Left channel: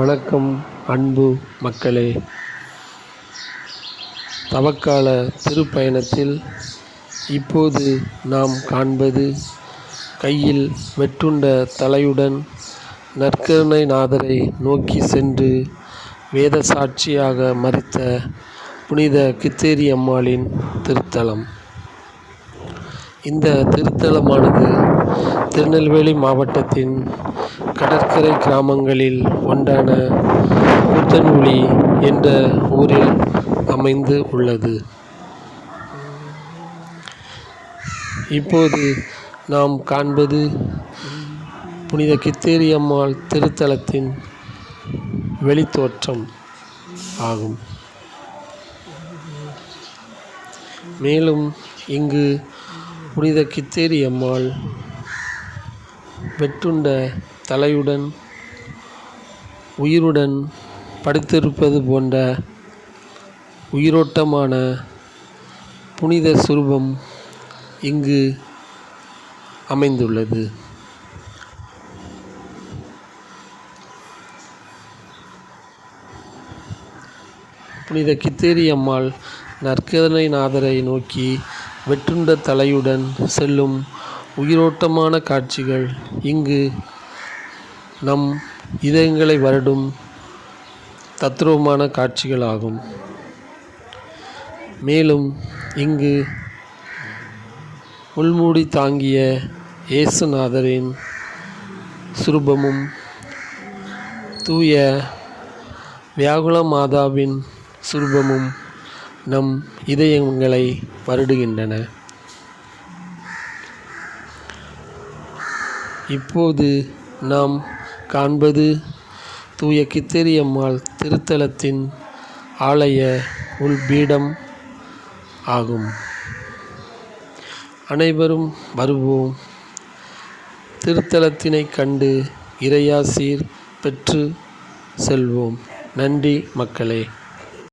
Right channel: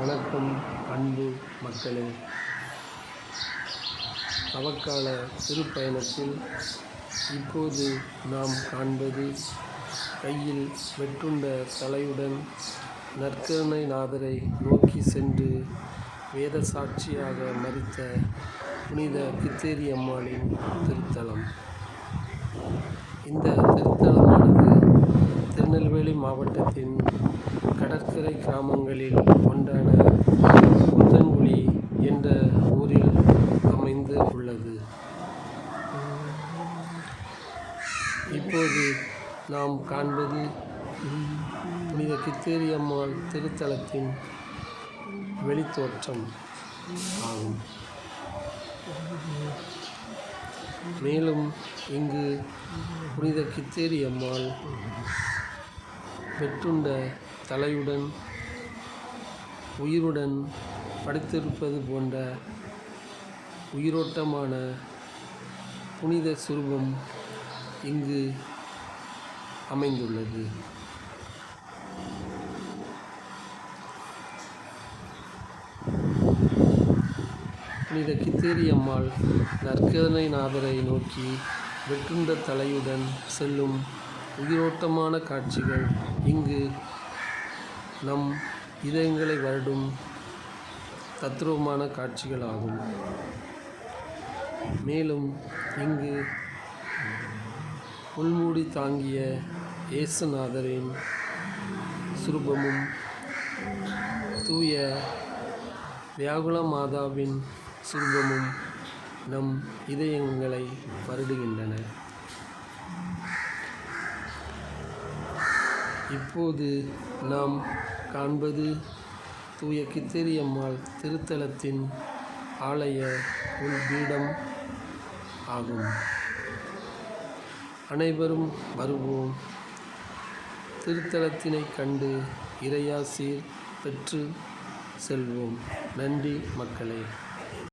வணக்கம் அன்பு மக்களே. தவக்கால திருப்பயணத்தில் இப்போது நாம் காண்பது கையில் வெட்டுண்ட தலையுடன் நற்கருணைநாதரை நோக்கி சென்று வேத சாட்சியாக மரித்த புனித கித்தேரி அம்மாளின் திருத்தலம். இந்த திருத்தலமானது திருநெல்வேலி மாவட்டத்தின் கடற்கரை கிராமங்களில் ஒன்றான கூத்தன்குழி என்ற ஊரில் அமைந்து உள்ளது. இப்போது நாம் காண்பது புனித கித்தேரி அம்மாள் திருத்தலத்தின் வெளித்தோற்றம் ஆகும். மேலும் இங்கு புனித கித்தேரி அம்மாள் வெட்டுண்ட தலையுடன் உயிருடன் படுத்திருப்பது போன்ற உயிரோட்டமான புனித சுரூபம் இங்கு அமைந்துள்ளது. புனித கித்தேரி அம்மாள் நற்கருணைநாதரை நோக்கி வெட்டுண்ட தலையுடன் செல்லும் உயிரோட்டமான காட்சிகள் இங்கு நம் இதயங்களை வருடும் தத்ரூபமான காட்சிகளாகும். மேலும் இங்கு முள்மூடி தாங்கிய இயேசுநாதரின் சுரூபமும் தூய வியாகுல மாதாவின் சுரூபமும் நம் இதயங்களை வருடுகின்றன. இப்போது நாம் காண்பது தூய கித்தேரி அம்மாள் திருத்தலத்தின் ஆலய உள்பீடம் ஆகும். அனைவரும் வருவோம், திருத்தலத்தினை கண்டு இறையாசீர் பெற்று செல்வோம். நன்றி மக்களே.